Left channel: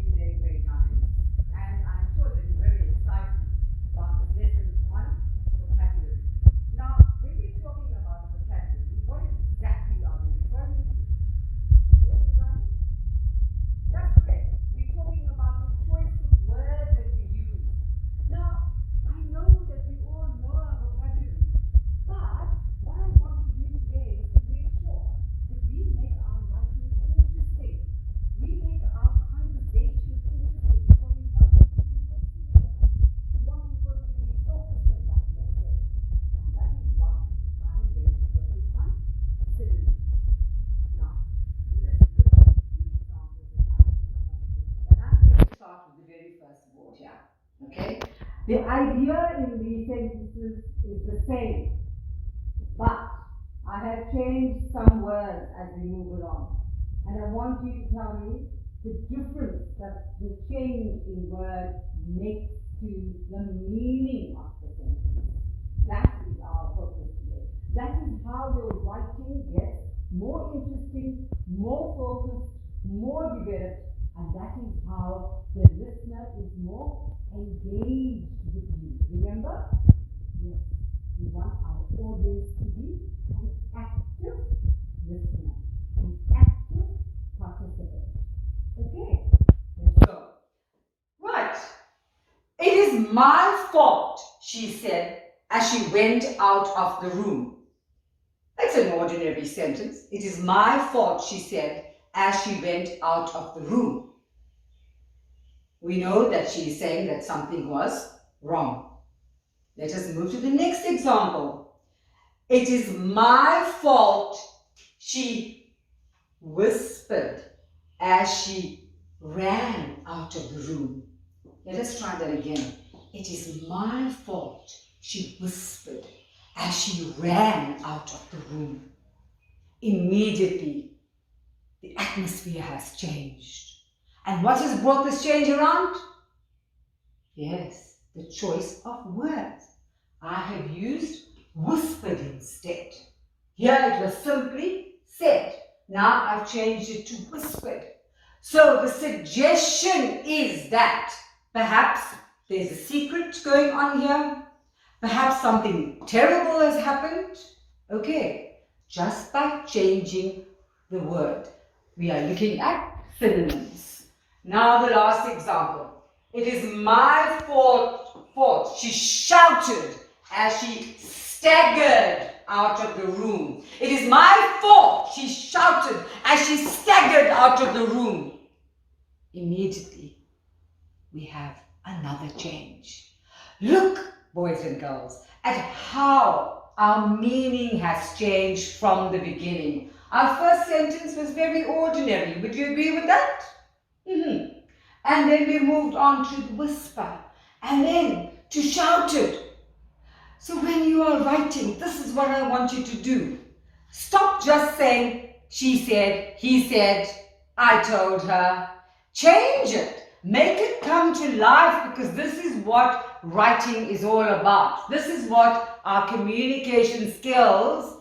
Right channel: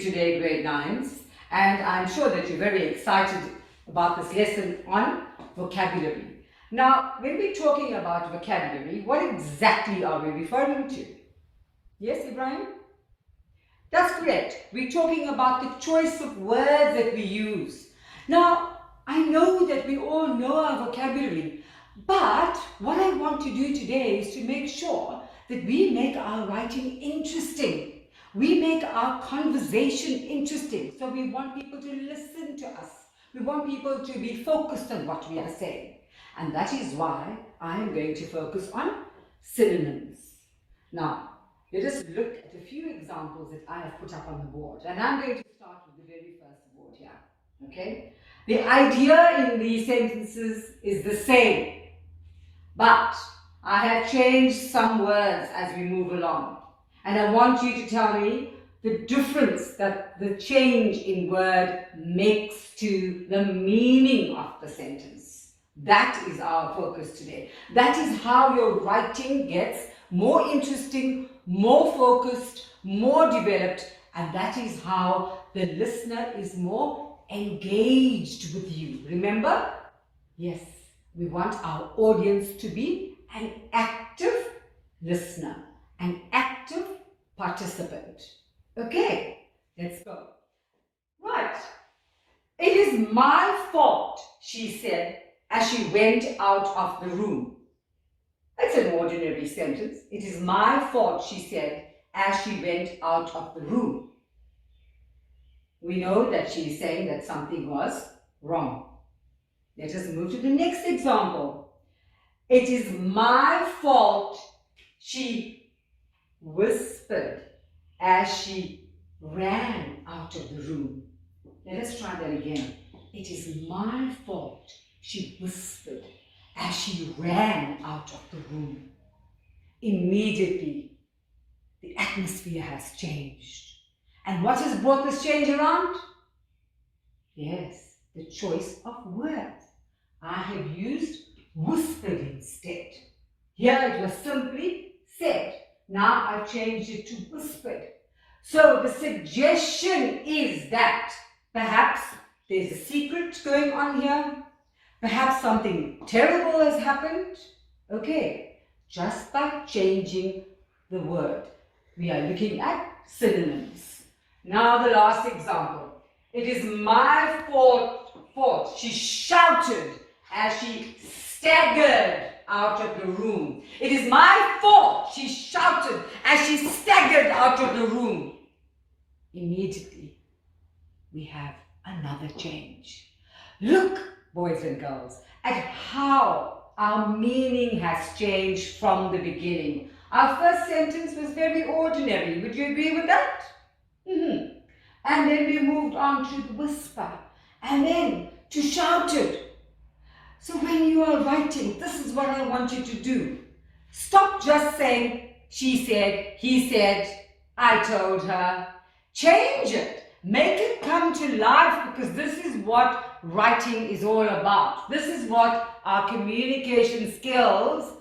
Today, grade 9s, and I'm sure that you're very excited about this lesson on vocabulary. Now, when we're talking about vocabulary, what exactly are we referring to? Yes, Ibrahim? That's correct. We're talking about the choice of words that we use. Now, I know that we all know our vocabulary, but what I want to do today is to make sure that we make our writing interesting. We make our conversation interesting. So we want people to listen to us. We want people to be focused on what we are saying. And that is why I am going to focus on synonyms. Now, let us look at a few examples that I have put up on the board. And I'm going to start with the very first board here. Okay? The idea in these sentences is the same, but I have changed some words as we move along. And I want you to tell me the difference that the change in word makes to the meaning of the sentence. That is our focus today. That is how your writing gets more interesting, more focused, more developed, and that is how the listener is more engaged with you. Remember? Yes, we want our audience to be an active listener, an active participant. Okay, let's go. Right. It is my fault, she said as she went out of the room. That's an ordinary sentence. It is my fault, she said as she went out of the room. We know that she is saying that something was wrong. Let us move to the next example. It is my fault, she whispered as she ran out of the room. Let us try that again. It is my fault, she whispered as she ran out of the room. Immediately, the atmosphere has changed. And what has brought this change around? Yes, the choice of words. I have used whispered instead. Here it was simply said. Now I've changed it to whispered. So the suggestion is that perhaps there's a secret going on here. Perhaps something terrible has happened. Okay, just by changing the word. We are looking at synonyms. Now the last example. It is my fault, she shouted as she staggered out of the room. It is my fault, she shouted as she staggered out of the room. Immediately, we have another change. Look, boys and girls, at how our meaning has changed from the beginning. Our first sentence was very ordinary. Would you agree with that? And then we moved on to whisper, and then to shouted. So when you are writing, this is what I want you to do. Stop just saying, she said, he said, I told her. Change it. Make it come to life, because this is what writing is all about. This is what our communication skills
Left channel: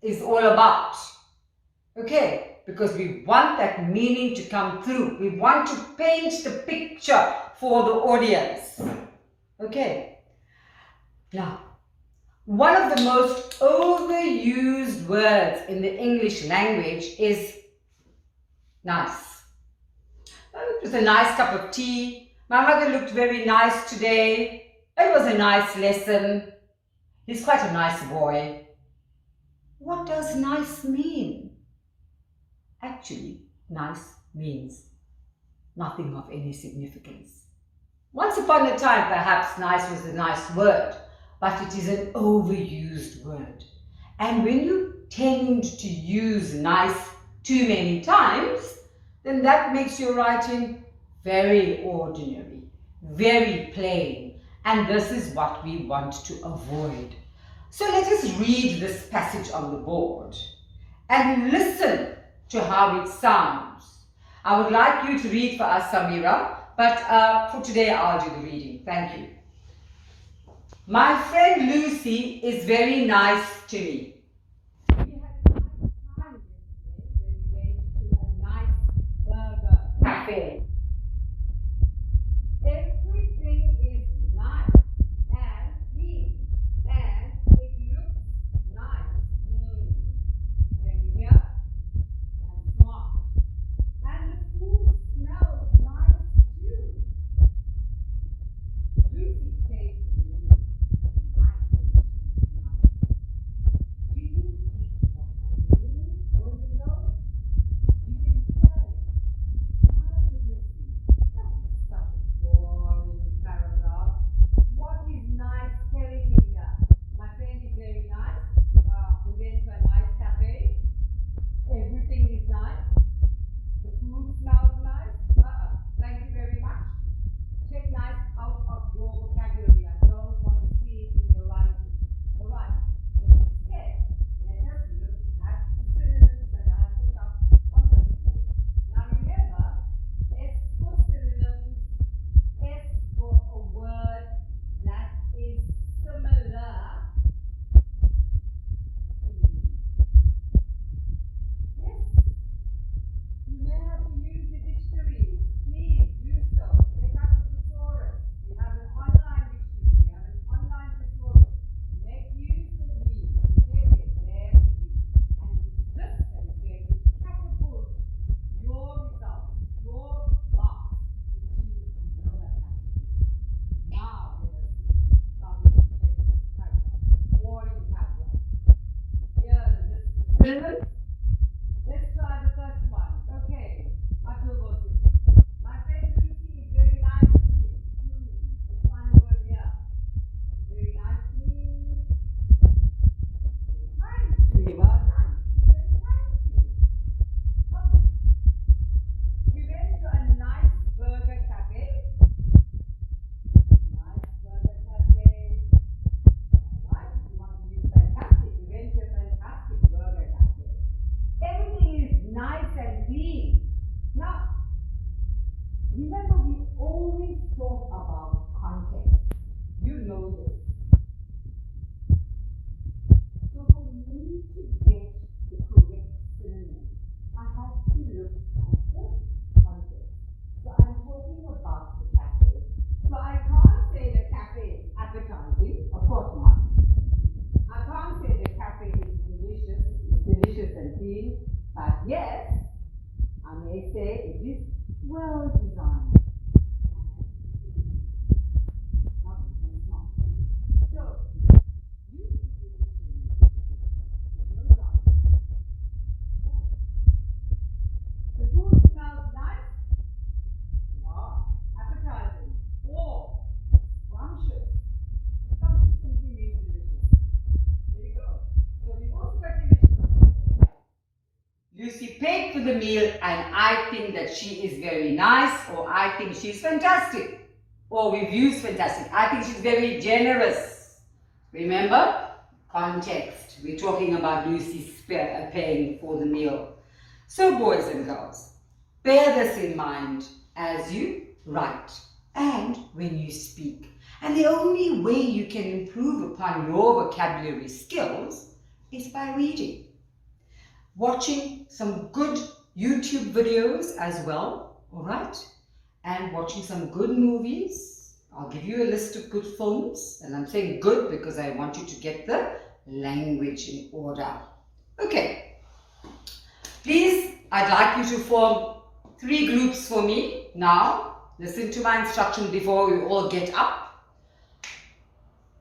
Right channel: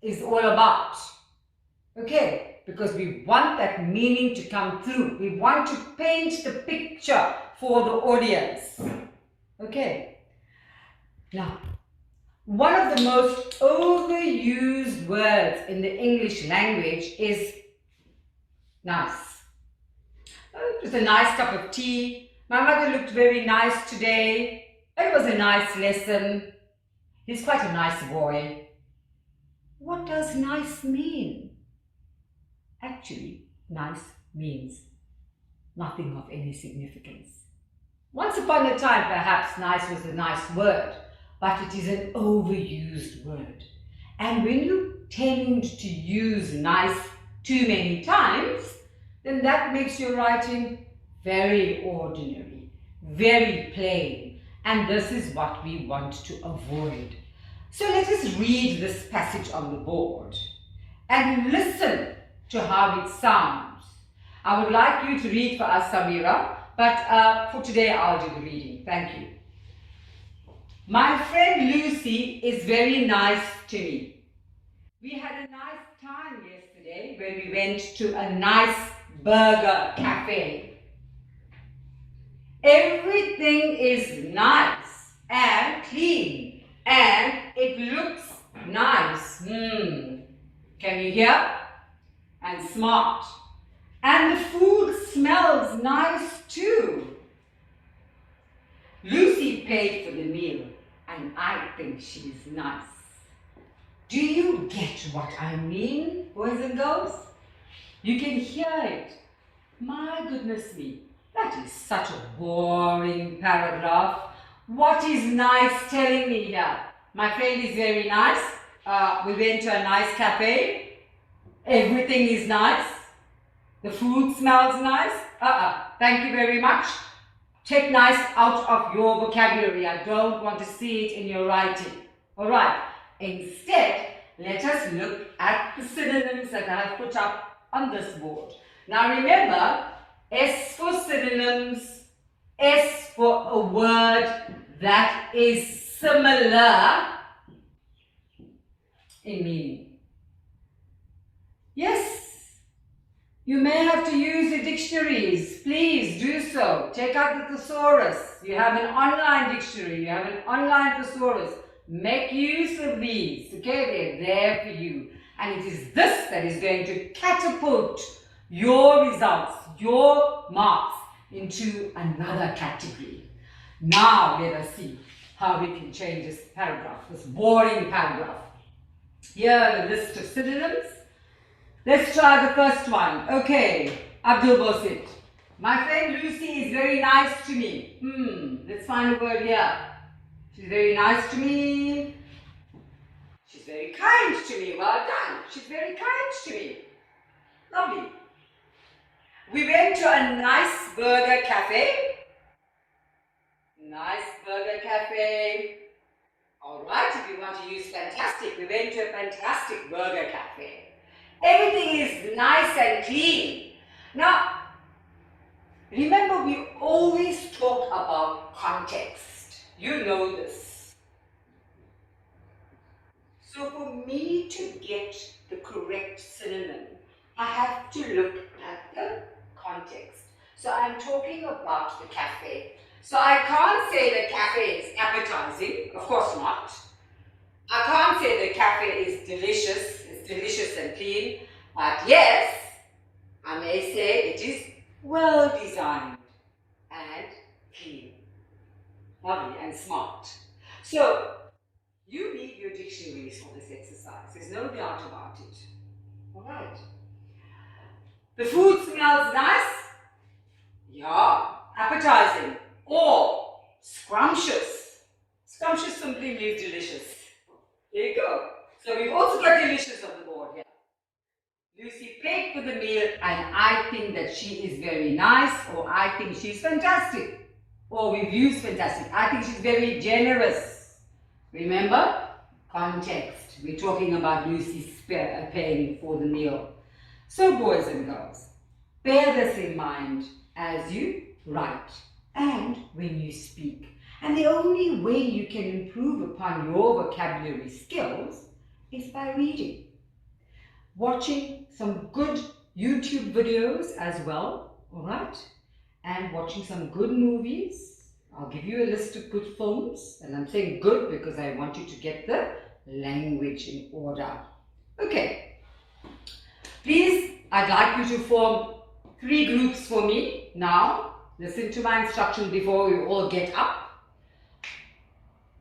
is all about. Okay? Because we want that meaning to come through. We want to paint the picture for the audience. Okay? Now, one of the most overused words in the English language is nice. Oh, it was a nice cup of tea. My mother looked very nice today. It was a nice lesson. He's quite a nice boy. What does nice mean? Actually, nice means nothing of any significance. Once upon a time, perhaps nice was a nice word, but it is an overused word. And when you tend to use nice too many times, then that makes your writing very ordinary, very plain, and this is what we want to avoid. So let us read this passage on the board and listen to how it sounds. I would like you to read for us, Samira, but for today I'll do the reading. Thank you. My friend Lucy is very nice to me. We had a nice time yesterday when we went to a nice burger cafe. Everything is nice and clean and it looks nice. Can you hear? And smart. And the food smells nice too. Lucy paid for the meal and I think she's nice. Do you get what I mean, boys and girls? You can hear it. My goodness me, that is such a boring paragraph. What is nice telling me here? My friend is very nice. We went to a nice cafe. Everything is nice. The food smells nice. Thank you very much. Take nice out of your vocabulary. I don't want to see it in your writing. Alright. Instead, let us look at the synonyms that I have put up on this board. Now remember, S for synonyms, S for a word that is similar in meaning. Yes, you may have to use the dictionaries. Please do so. Check out the thesaurus. You have an online dictionary. You have an online thesaurus. Make use of these. Okay, they're there for you. And it is this that is going to catapult your results, your marks into another category. Now let us see how we can change this paragraph, this boring paragraph. Here are the list of synonyms. Let's try the first one. Okay, Abdul Basit. My friend Lucy is very nice to me. Let's find a word here. She's very nice to me. She's very kind to me. Well done. She's very kind to me. Lovely. We went to a nice burger cafe. Nice burger cafe. Alright, if you want to use fantastic, we went to a fantastic burger cafe. Everything is nice and clean. Now, remember we always talk about context. You know this. So for me to get the correct synonym, I have to look at the context. So I'm talking about the cafe. So I can't say the cafe is appetizing, of course not. I can't say the cafe is delicious, it's delicious and clean. But yes, I may say it is well designed and clean. Lovely and smart. So, you need your dictionaries for this exercise. There's no doubt about it. Alright. The food smells nice. Yeah. Appetizing. Or scrumptious. Scrumptious simply means delicious. There you go. So we've also got delicious on the board here. Lucy paid for the meal and I think that she is very nice, or I think she's fantastic. Or we've used fantastic. I think she's very generous. Remember? Context. We're talking about Lucy paying for the meal. So boys and girls, bear this in mind as you write and when you speak. And the only way you can improve upon your vocabulary skills is by reading. Watching some good YouTube videos as well, alright? And watching some good movies. I'll give you a list of good films, and I'm saying good because I want you to get the language in order. Okay, please, I'd like you to form 3 groups for me now. Listen to my instructions before we all get up.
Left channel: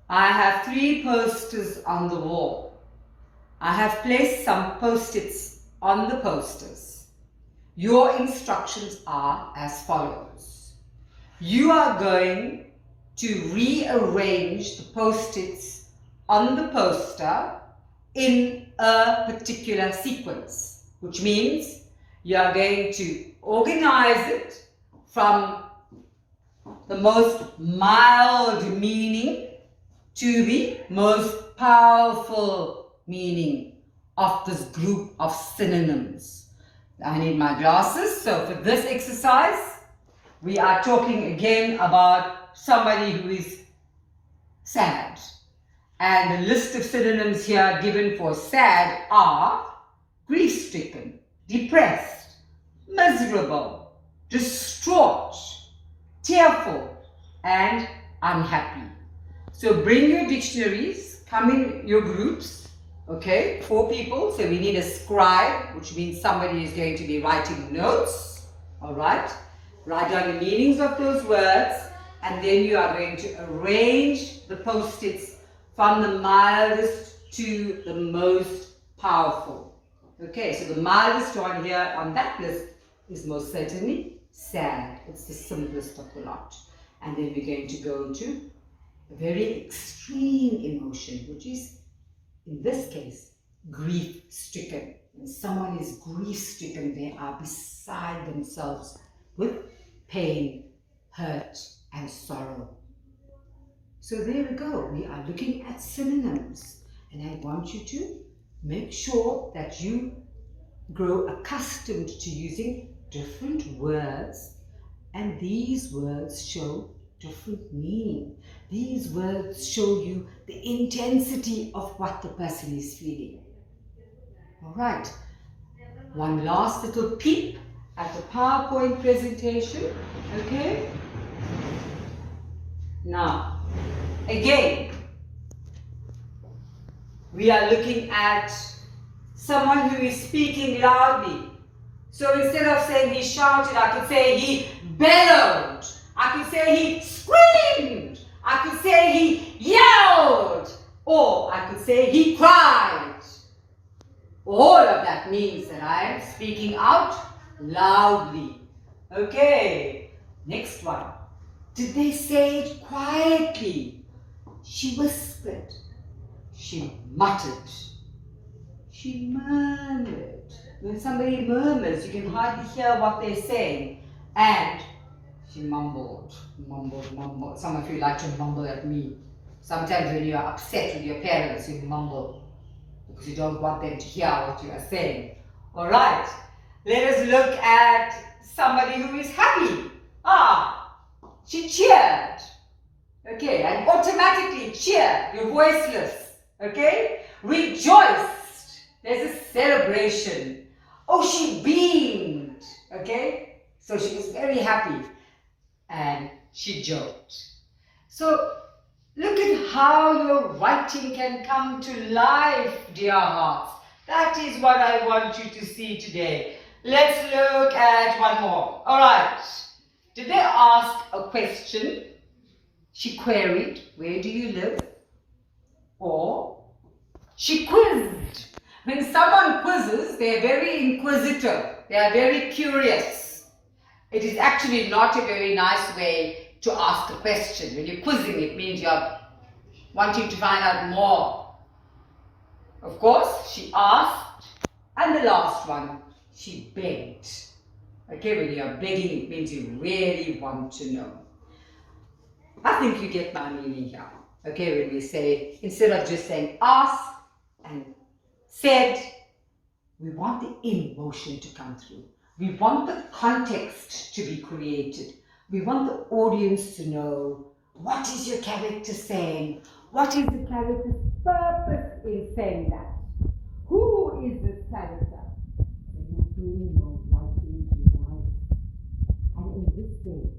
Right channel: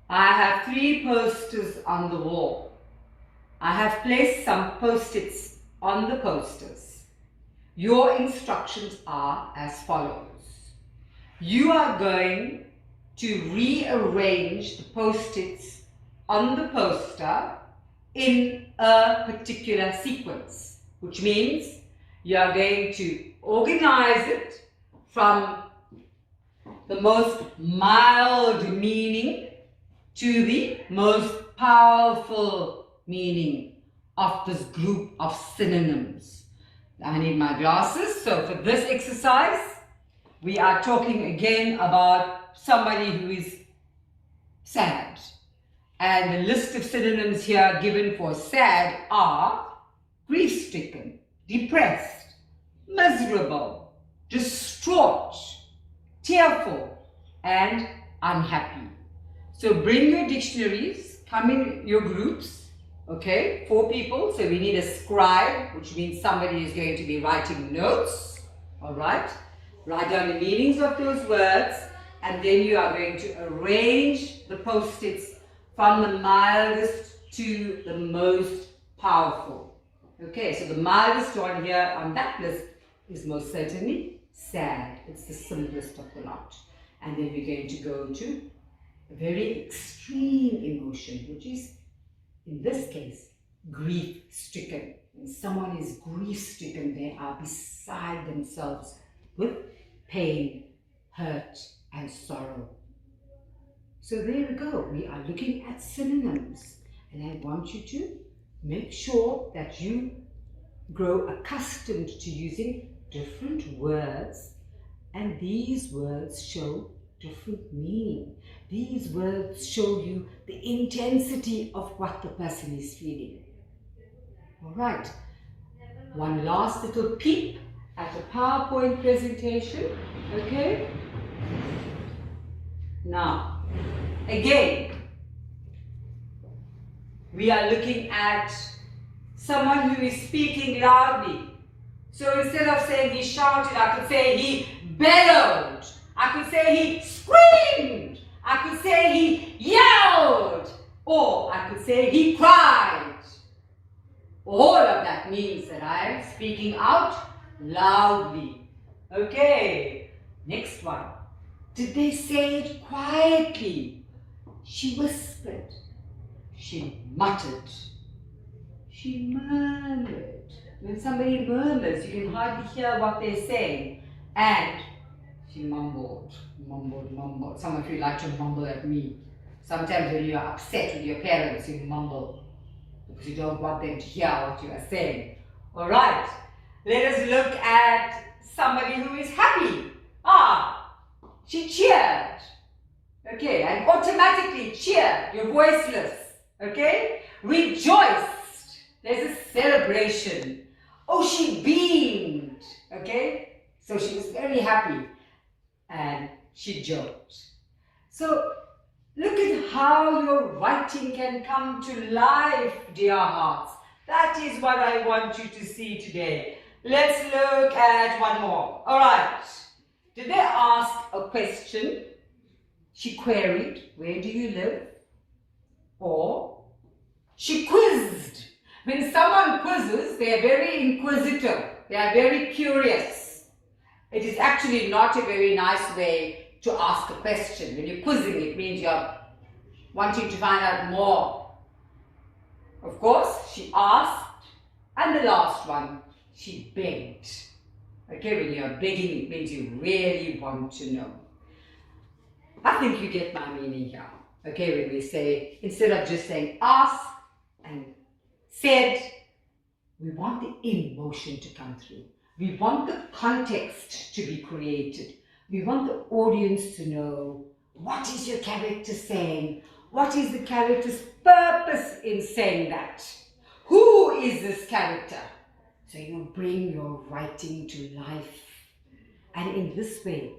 I have 3 posters on the wall. I have placed some post-its on the posters. Your instructions are as follows. You are going to rearrange the post-its on the poster in a particular sequence, which means you are going to organize it from the most mild meaning to the most powerful meaning of this group of synonyms. I need my glasses. So for this exercise, we are talking again about somebody who is sad. And the list of synonyms here given for sad are grief-stricken, depressed, miserable, distraught, tearful, and unhappy. So bring your dictionaries, come in your groups, okay, 4 people. So we need a scribe, which means somebody is going to be writing notes, all right? Write down the meanings of those words, and then you are going to arrange the post-its from the mildest to the most powerful. Okay, so the mildest one here on that list is most certainly sad. It's the simplest of the lot. And then we're going to go to a very extreme emotion, which is, in this case, grief-stricken. When someone is grief-stricken, they are beside themselves with pain, hurt, and sorrow. So there we go. We are looking at synonyms, and I want you to make sure that you grow accustomed to using different words, and these words show different meaning. These words show you the intensity of what the person is feeling. All right. One last little peep at the PowerPoint presentation. Okay. Now, again, we are looking at someone who is speaking loudly. So instead of saying he shouted, I could say he bellowed. I could say he screamed. I could say he yelled. Or I could say he cried. All of that means that I am speaking out loudly. Okay, next one. Did they say it quietly? She whispered. She muttered. She murmured. When somebody murmurs, you can hardly hear what they're saying. And she mumbled. Some of you like to mumble at me. Sometimes when you are upset with your parents, you mumble because you don't want them to hear what you are saying. All right, let us look at somebody who is happy. She cheered. Okay, and automatically cheered. You're voiceless. Okay, rejoiced. There's a celebration. Oh, she beamed. Okay, so she was very happy. And she joked. So look at how your writing can come to life, dear hearts. That is what I want you to see today. Let's look at one more. All right. Did they ask a question? She queried, where do you live? Or she quizzed. When someone quizzes, they are very inquisitive. They are very curious. It is actually not a very nice way to ask a question. When you're quizzing, it means you're wanting to find out more. Of course, she asked. And the last one, she begged. Okay, when you're begging, it means you really want to know. I think you get my meaning here. Okay, when we say, instead of just saying ask and said, we want the emotion to come through. We want the context to be created. We want the audience to know, what is your character saying? What is the character's purpose in saying that? Who is this character? So you bring your writing to life. And in this way,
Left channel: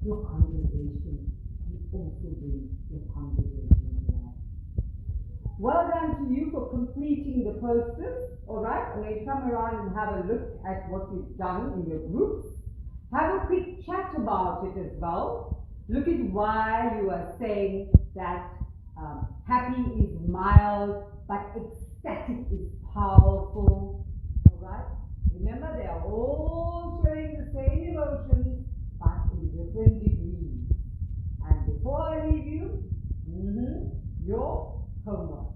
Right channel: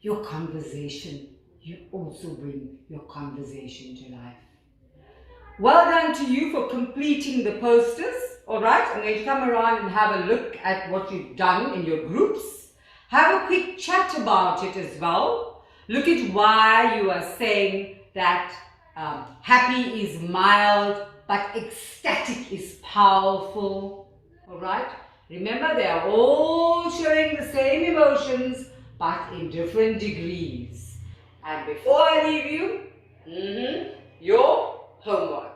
your conversation, you also bring your conversation to life. Well done to you for completing the posters. All right, I'm going to come around and have a look at what you've done in your groups. Have a quick chat about it as well. Look at why you are saying that happy is mild, but ecstatic is powerful. All right, remember they are all showing the same emotions, but in different degrees. And before I leave you, your homework.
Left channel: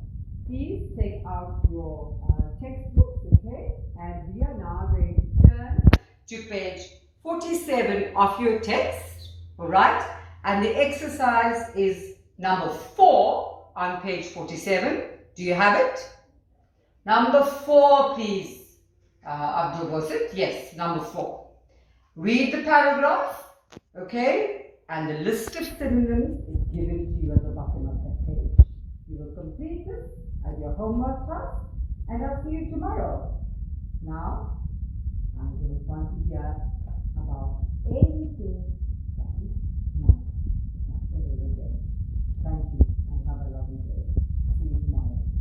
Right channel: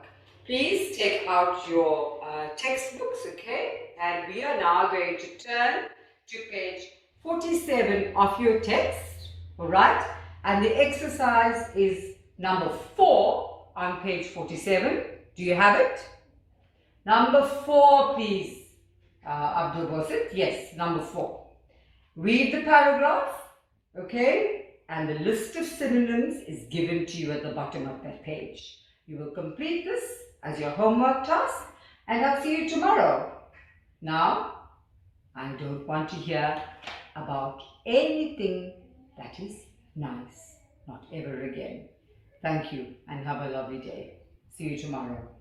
Please take out your textbooks, okay? And we are now going to turn to page 47 of your text, all right? And the exercise is number 4 on page 47. Do you have it? Number 4, please, Abdul Basit. Yes, number 4. Read the paragraph, okay? And the list of synonyms is given to you at the bottom of that page. You will complete this as your homework task, and I'll see you tomorrow. Now, I don't want to hear about anything that is nice, not Thank you and have a lovely day. See you tomorrow.